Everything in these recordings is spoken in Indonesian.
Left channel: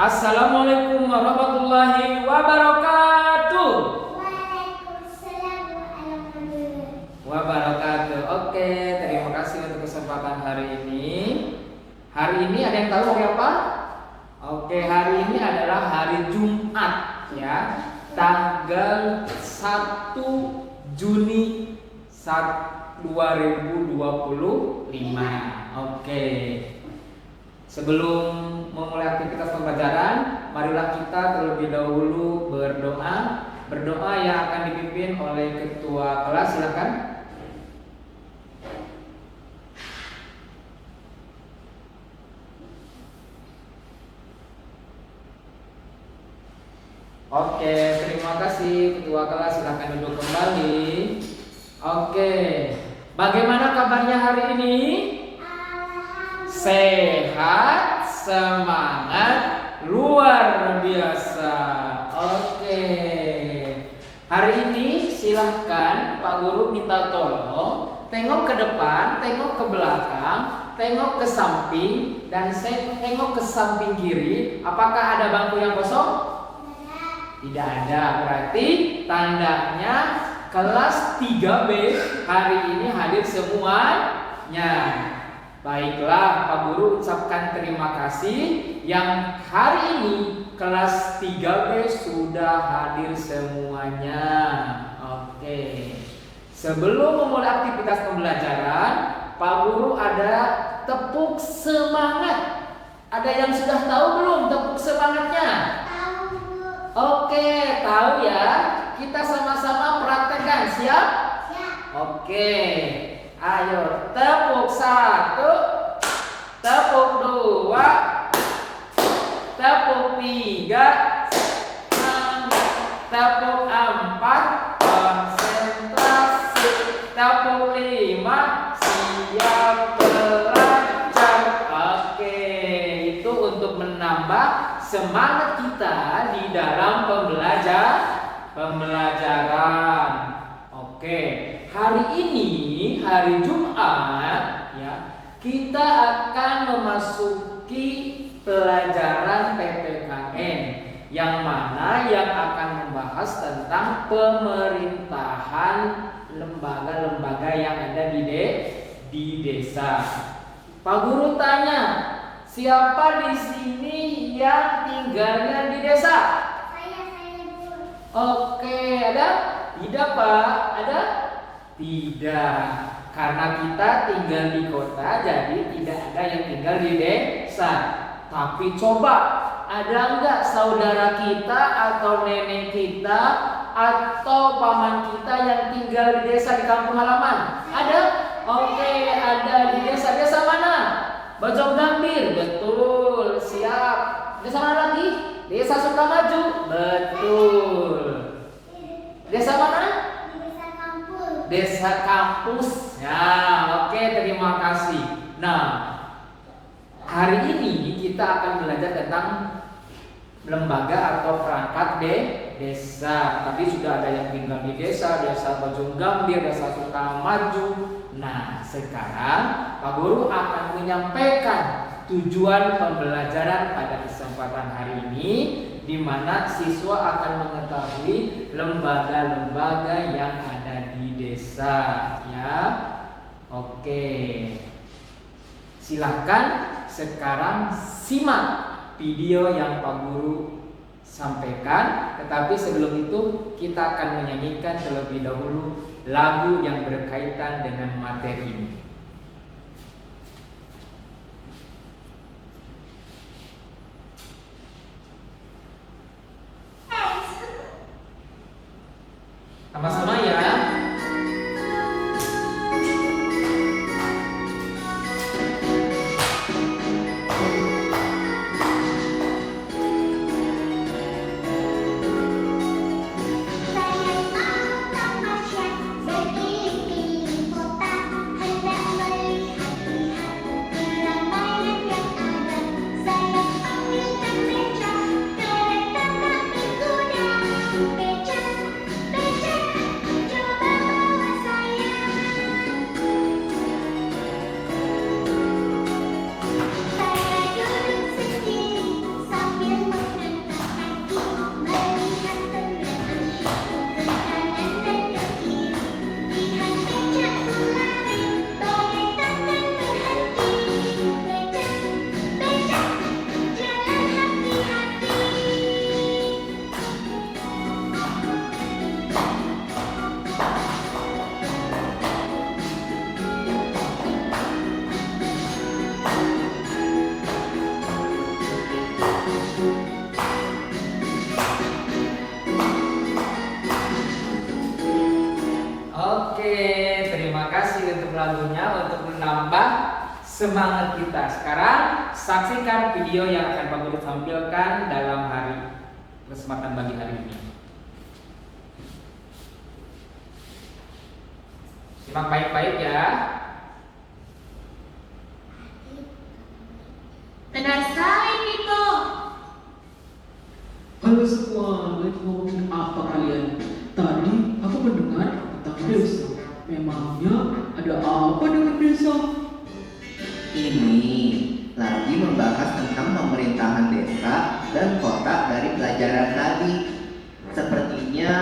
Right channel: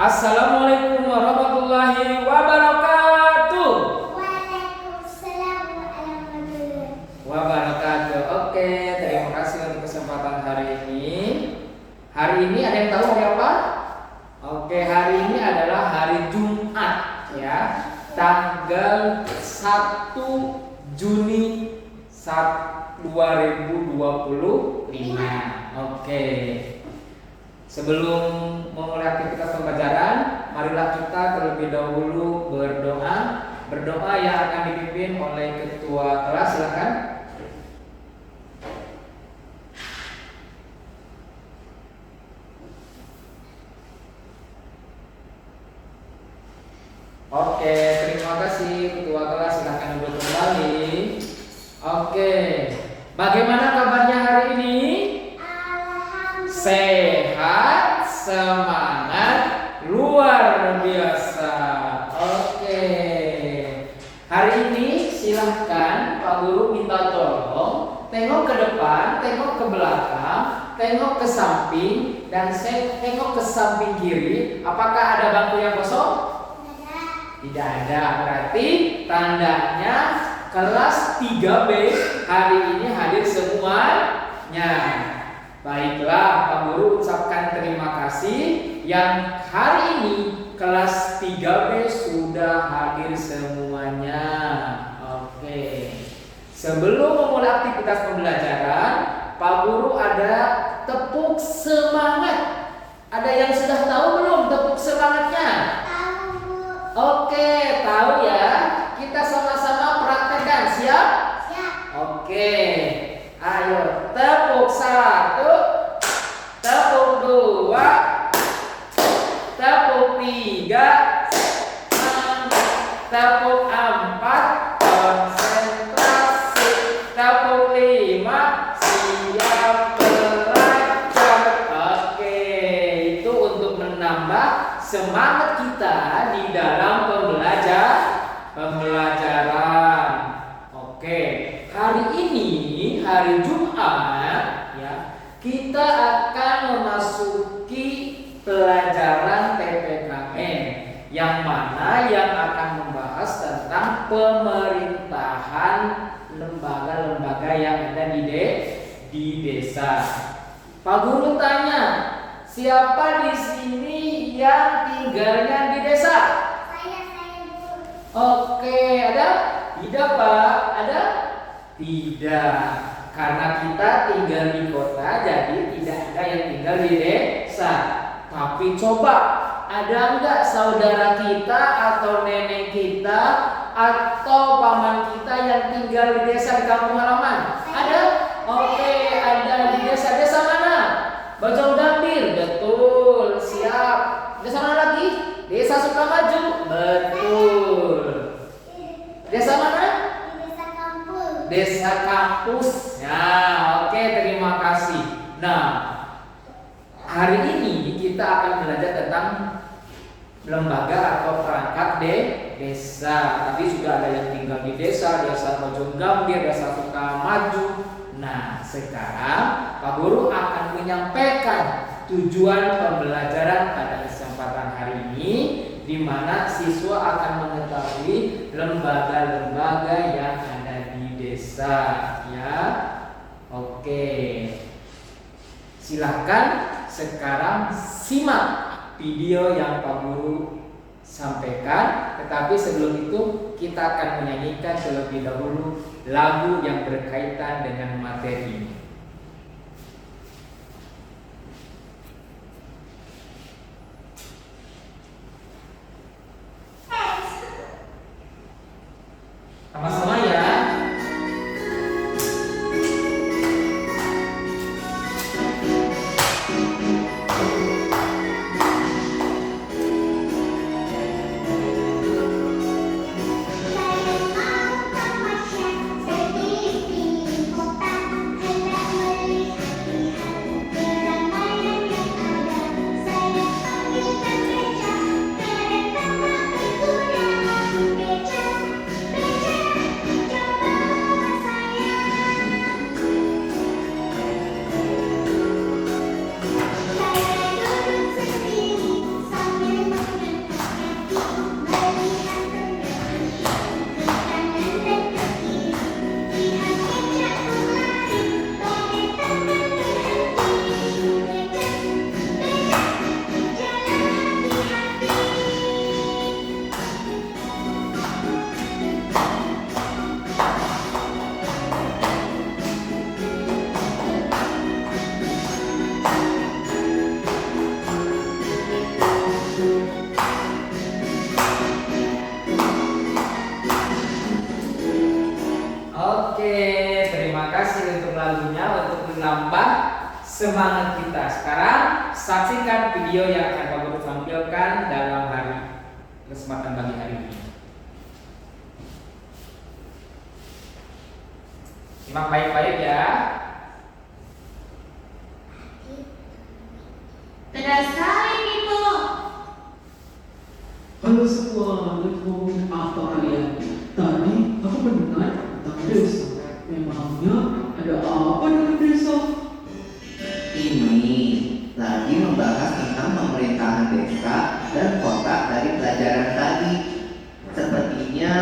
Assalamualaikum warahmatullahi wabarakatuh. Waalaikumsalam warahmatullahi Wabarakatuh. Oke, terima kasih untuk kesempatan hari ini. Hari ini ada yang tahu hari apa? Oke, hari ini adalah hari Jumat ya. Tanggal 1 Juni 2025. Oke. Sebelum memulai aktivitas pembelajaran, marilah kita terlebih dahulu berdoa. Berdoa yang akan dipimpin oleh ketua kelas, silakan. Oke, terima kasih ketua kelas, silakan duduk kembali. Oke, bagaimana kabarnya hari ini? Sehat, semangat, luar biasa. Oke. Hari ini silahkan Pak Guru minta tolong tengok ke depan, tengok ke belakang, tengok ke samping, dan tengok ke samping kiri. Apakah ada bangku yang kosong? Tidak ada. Berarti tandanya kelas 3B hari ini hadir semuanya. Baiklah, Pak Guru ucapkan terima kasih yang hari ini kelas 3B sudah hadir semuanya. Oke. Sebelum memulai aktivitas pembelajaran, Pak Guru ada tepuk semangat. Ada yang sudah tahu belum tepuk semangatnya? Tahu, Bu. Oke, tahu ya. Kita sama-sama praktekkan. Siap? Siap. Oke. Ayo, tepuk 1, tepuk 2, tepuk 3, tepuk 4, konsentrasi, tepuk 5, siap belajar. Oke, itu untuk menambah semangat kita di dalam pembelajaran. Oke, hari ini hari Jumat ya, kita akan memasuki pelajaran PPKN yang mana yang akan membahas tentang pemerintahan lembaga-lembaga yang ada di desa. Pak Guru tanya, siapa di sini yang tinggalnya di desa? Saya, Bu. Oke, ada? Tidak, Pak. Ada? Tidak. Karena kita tinggal di kota, jadi tidak ada yang tinggal di desa. Tapi coba, ada nggak saudara kita atau nenek kita atau paman kita yang tinggal di desa di kampung halaman? Ada? Oke, ada di desa. Desa mana? Bojong Gambir. Betul, siap. Desa mana lagi? Desa Sukamaju. Betul. Desa mana? Desa kampung. Desa kampus. Ya, oke, terima kasih. Nah, hari ini kita akan belajar tentang lembaga atau perangkat desa. Tadi sudah ada yang tinggal di desa Bojong Gambir, desa Sukamaju. Nah, sekarang Pak Guru akan menyampaikan tujuan pembelajaran pada kesempatan hari ini, di mana siswa akan mengetahui lembaga-lembaga yang ada di desa ya. Oke. Silahkan sekarang simak video yang Pak Guru sampaikan, tetapi sebelum itu kita akan menyanyikan terlebih dahulu lagu yang berkaitan dengan materi ini. Sama-sama ya. Saya mau ke pasar, beli kota, ada semangat kita. Sekarang saksikan video yang akan Pak Guru tampilkan dalam kesempatan pagi hari ini. Simak baik-baik ya. Benar sekali, Miko. Halo semua, lagi ngomongin apa kalian? Tadi aku mendengar tentang desa. Memangnya ada apa dengan desa? Ini lagi membahas tentang pemerintahan desa dan kota dari pelajaran tadi. Sepertinya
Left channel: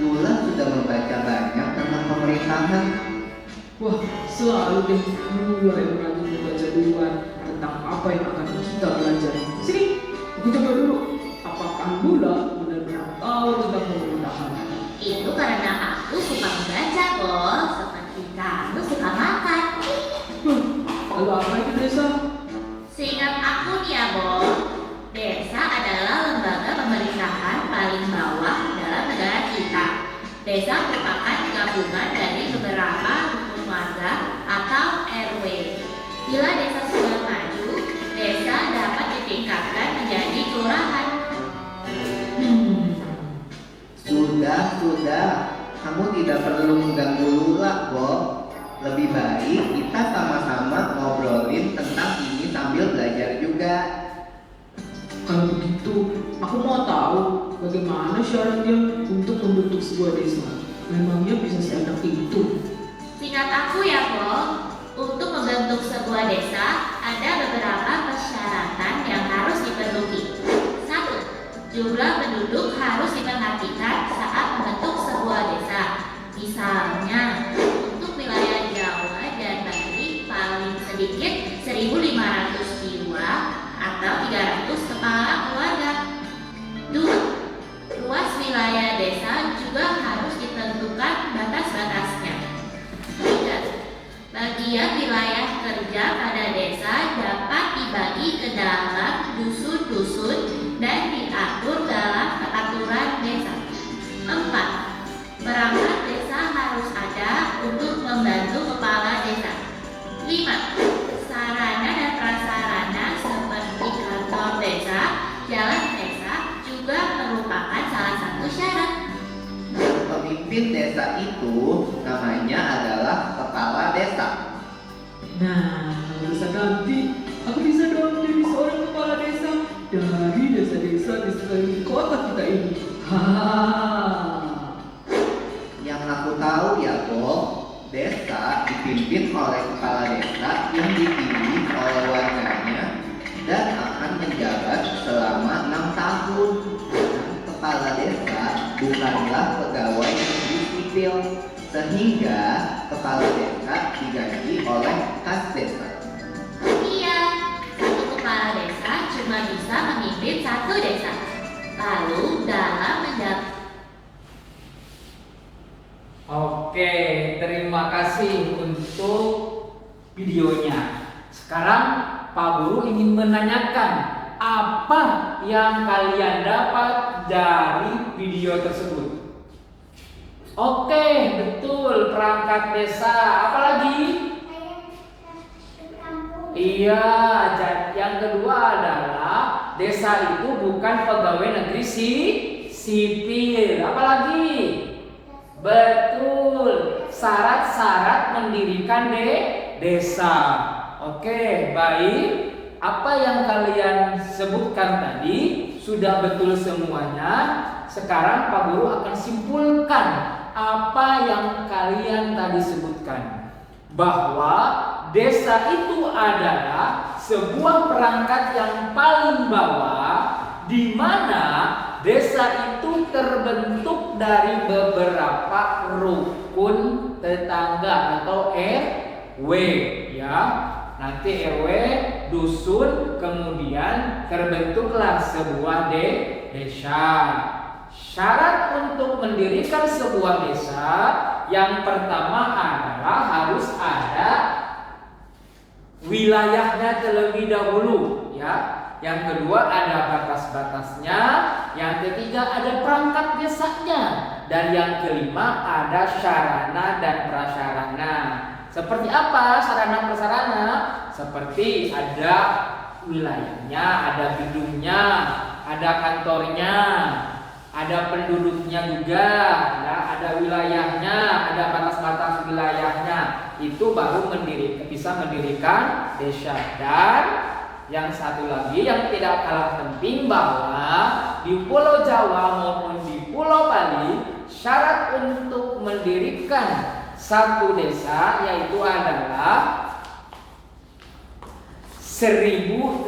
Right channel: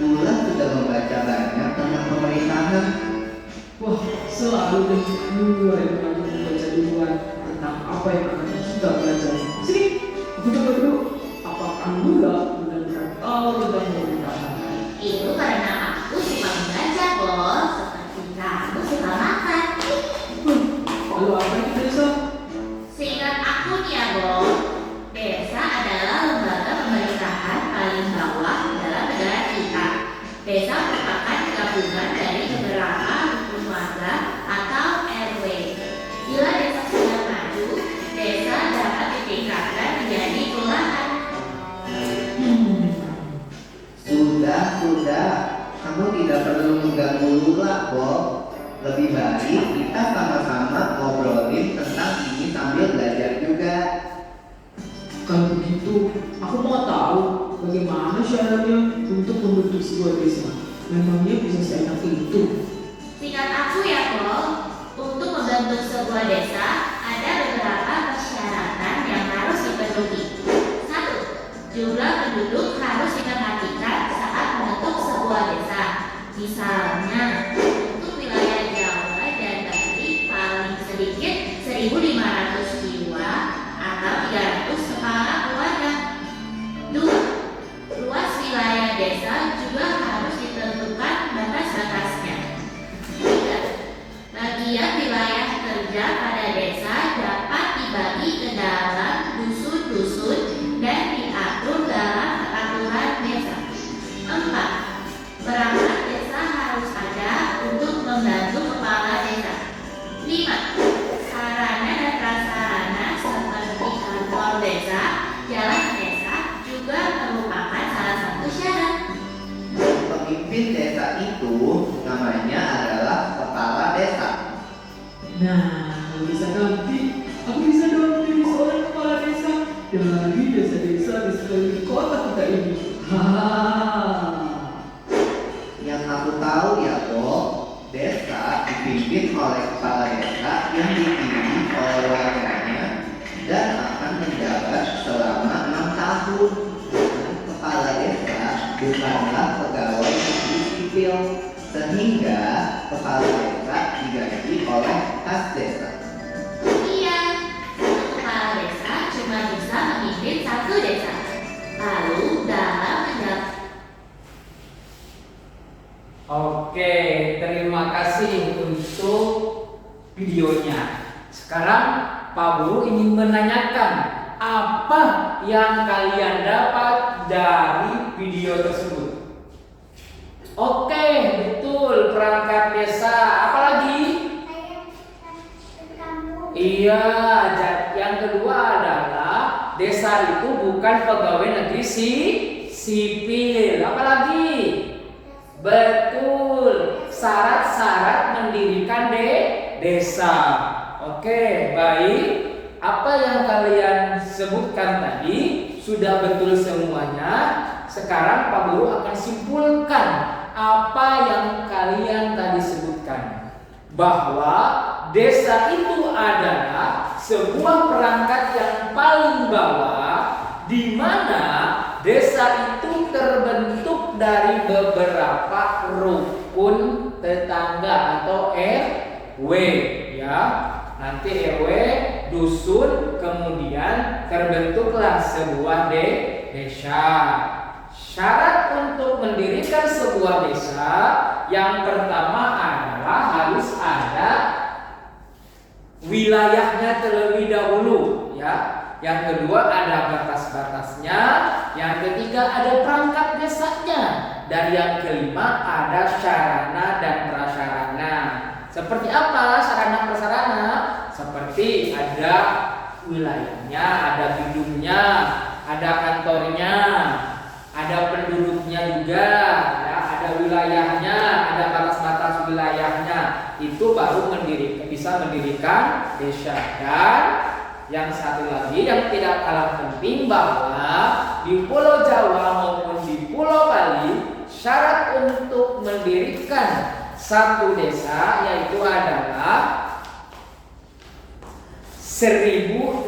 Lula sudah membaca banyak tentang pemerintahan. Wah, selalu deh Lula yang rajin membaca duluan tentang apa yang akan kita belajar. Sini, aku coba dulu. Apakah Lula benar-benar tahu tentang pemerintahan? Itu karena aku suka membaca, Bos. Seperti kamu suka makan. Lalu apa itu desa? Seingat aku nih ya, Bos, desa adalah lembaga pemerintahan paling bawah dalam negara kita. Desa merupakan gabungan dari beberapa rukun warga atau RW. Bila desa sudah maju, desa dapat ditingkatkan menjadi kelurahan. Sudah. Kamu tidak perlu mengganggu Lula, Bob. Lebih baik kita sama-sama ngobrolin tentang ini sambil belajar juga. Kalau begitu, aku mau tahu bagaimana syaratnya untuk membentuk sebuah desa. Memangnya bisa seenak itu? Singkat aku ya, Bos, untuk membentuk sebuah desa ada beberapa persyaratan yang harus dipenuhi. 1. Jumlah penduduk harus diperhatikan saat membentuk sebuah desa. Misalnya, untuk wilayah Jawa dan Bali paling sedikit 1.500 jiwa atau 300 kepala keluarga. 2. Luas wilayah desa juga harus ditentukan batas-batasnya. 3. Bagian wilayah kerja pada desa dapat dibagi ke dalam dusun-dusun dan diatur dalam peraturan desa. 4. Perangkat desa harus ada untuk membantu kepala desa. 5. Sarana dan prasarana seperti kantor desa, jalan desa juga merupakan salah satu syarat. Pemimpin desa itu namanya adalah kepala desa. Nah, kalau bisa nanti, aku bisa dong jadi seorang kepala desa dari desa-desa di sekeliling kota kita ini. Yang aku tahu ya, Bob, desa dipimpin oleh kepala desa yang dipilih oleh warganya dan akan menjabat selama 6 tahun. Kepala desa bukanlah pegawai negeri sipil, sehingga kepala desa diganti oleh kas desa. Iya, satu kepala desa cuma bisa memimpin satu desa. Lalu dalam menjabat Oke, terima kasih untuk videonya. Sekarang Pak Guru ingin menanyakan apa yang kalian dapat dari video tersebut. Oke, betul, perangkat desa. Apalagi? Saya ke kampung. Iya, yang kedua adalah desa itu bukan pegawai negeri sipil. Apalagi? Betul, syarat-syarat mendirikan desa. Oke, baik. Apa yang kalian sebutkan tadi sudah betul semuanya. Sekarang Pak Guru akan simpulkan apa yang kalian tadi sebutkan. Bahwa desa itu adalah sebuah perangkat yang paling bawah, di mana desa itu terbentuk dari beberapa rukun tetangga atau RW, ya. Nanti RW, dusun, kemudian terbentuklah sebuah desa. Syarat untuk mendirikan sebuah desa yang pertama adalah harus ada wilayahnya terlebih dahulu, ya. Yang kedua ada batas-batasnya, yang ketiga ada perangkat desanya, dan yang kelima ada sarana dan prasarana. Seperti apa sarana prasarana? seperti ada wilayahnya, ada bidungnya, ada kantornya, ada penduduknya juga, ya, ada wilayahnya, ada batas-batas wilayahnya. Itu baru bisa mendirikan desa. Dan yang satu lagi yang tidak kalah penting bahwa di Pulau Jawa maupun di Pulau Bali syarat untuk mendirikan satu desa yaitu adalah 1.500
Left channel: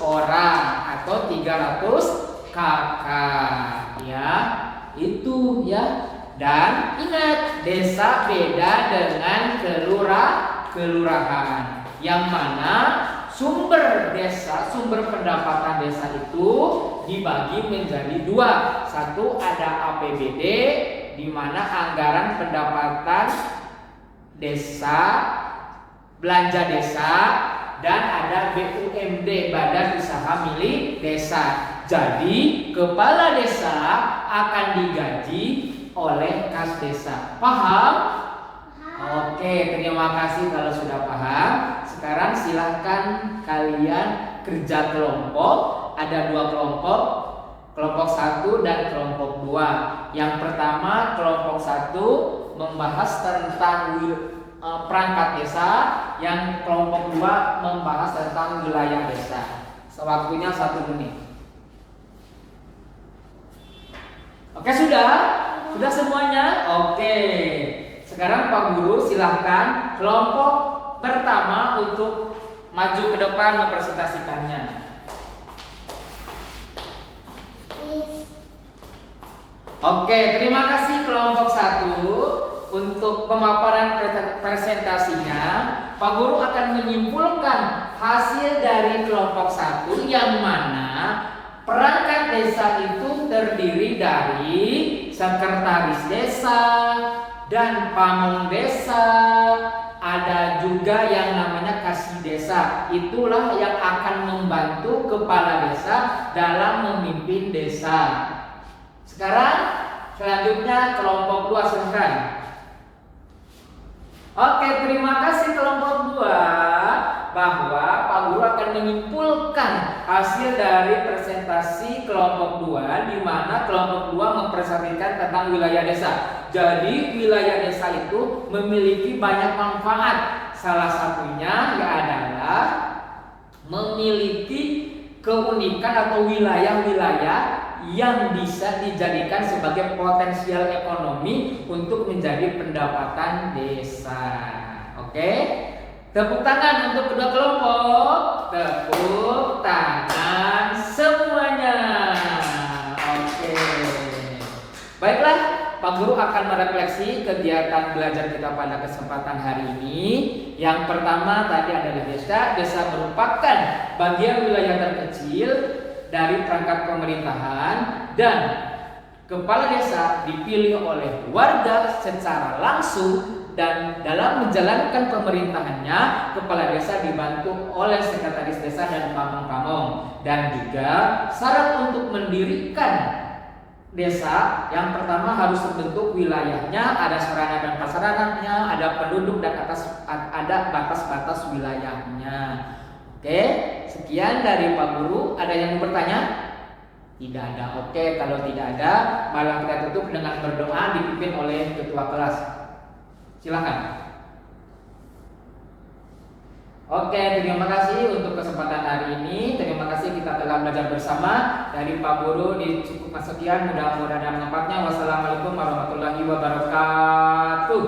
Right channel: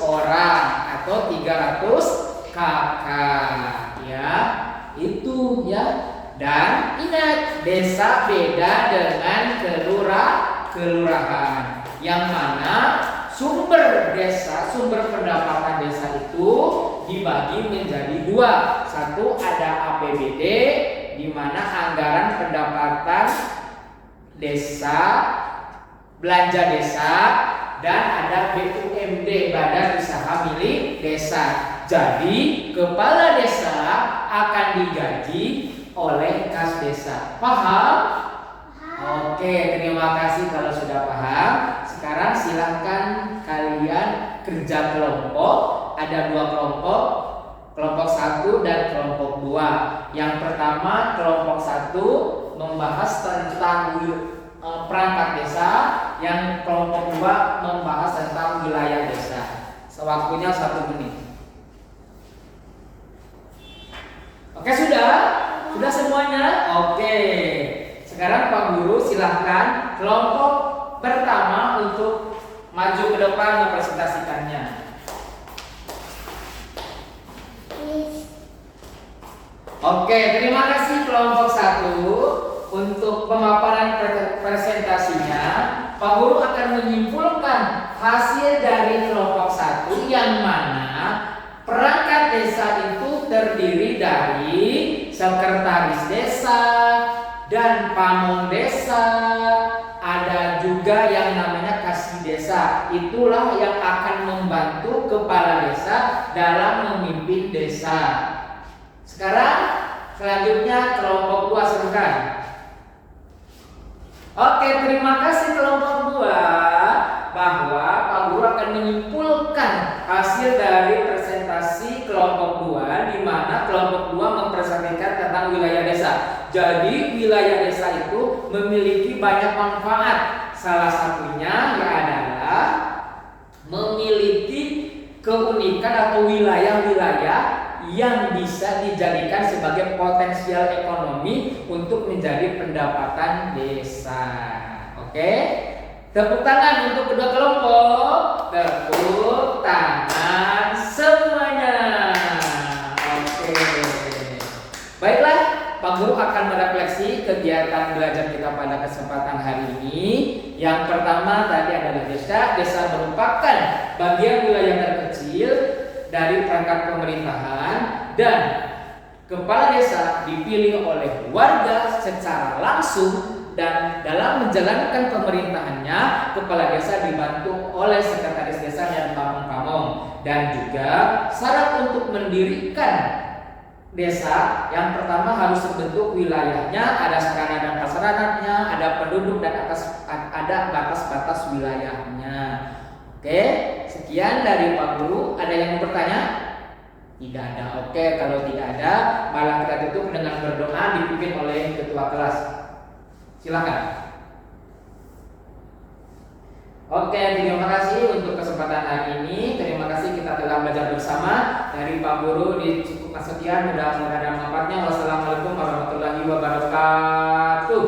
orang atau 300 kakak, ya, itu ya. Dan ingat, desa beda dengan kelurahan, yang mana sumber pendapatan desa itu dibagi menjadi dua. Satu, ada APBD, di mana anggaran pendapatan desa, belanja desa, dan ada BUMD, Badan Usaha Milik Desa. Jadi kepala desa akan digaji oleh kas desa. Paham? Oke, terima kasih kalau sudah paham. Sekarang silahkan kalian kerja kelompok. Ada 2 kelompok, kelompok 1 dan kelompok 2. Yang pertama, kelompok 1 membahas tentang perangkat desa, yang kelompok 2 membahas tentang wilayah desa. Waktunya 1 menit. Oke, sudah semuanya? Oke. Sekarang Pak Guru silahkan kelompok pertama untuk maju ke depan mempresentasikannya. Oke, terima kasih kelompok 1 untuk pemaparan presentasinya. Pak Guru akan menyimpulkan hasil dari kelompok 1 yang mana perangkat desa itu terdiri dari sekretaris desa dan pamong desa, ada juga yang namanya kasih desa. Itulah yang akan membantu kepala desa dalam memimpin desa. Sekarang selanjutnya kelompok 2, silakan. Oke, terima kasih kelompok 2 bahwa Pak Guru akan menyimpulkan hasil dari presentasi kelompok 2, di mana kelompok 2 mempresentasikan tentang wilayah desa. Jadi wilayah desa itu memiliki banyak manfaat. Salah satunya adalah memiliki keunikan atau wilayah-wilayah yang bisa dijadikan sebagai potensial ekonomi untuk menjadi pendapatan desa. Oke? Tepuk tangan untuk kedua kelompok. Tepuk tangan semuanya. Oke. Baiklah, Pak Guru akan merefleksi kegiatan belajar kita pada kesempatan hari ini. Yang pertama tadi adalah desa. Desa merupakan bagian wilayah terkecil dari perangkat pemerintahan, dan kepala desa dipilih oleh warga secara langsung, dan dalam menjalankan pemerintahannya kepala desa dibantu oleh sekretaris desa dan pamong-pamong. Dan juga syarat untuk mendirikan desa yang pertama harus terbentuk wilayahnya, ada sarana dan prasarananya, ada penduduk, dan ada batas-batas wilayahnya. Oke, sekian dari Pak Guru. Ada yang mau bertanya? Tidak ada. Oke, kalau tidak ada, malah kita tutup dengan berdoa dipimpin oleh ketua kelas. Silakan. Oke, terima kasih untuk kesempatan hari ini. Terima kasih kita telah belajar bersama. Dari Pak Guru dicukupkan sekian, mudah-mudahan ada manfaatnya. Wassalamualaikum warahmatullahi wabarakatuh.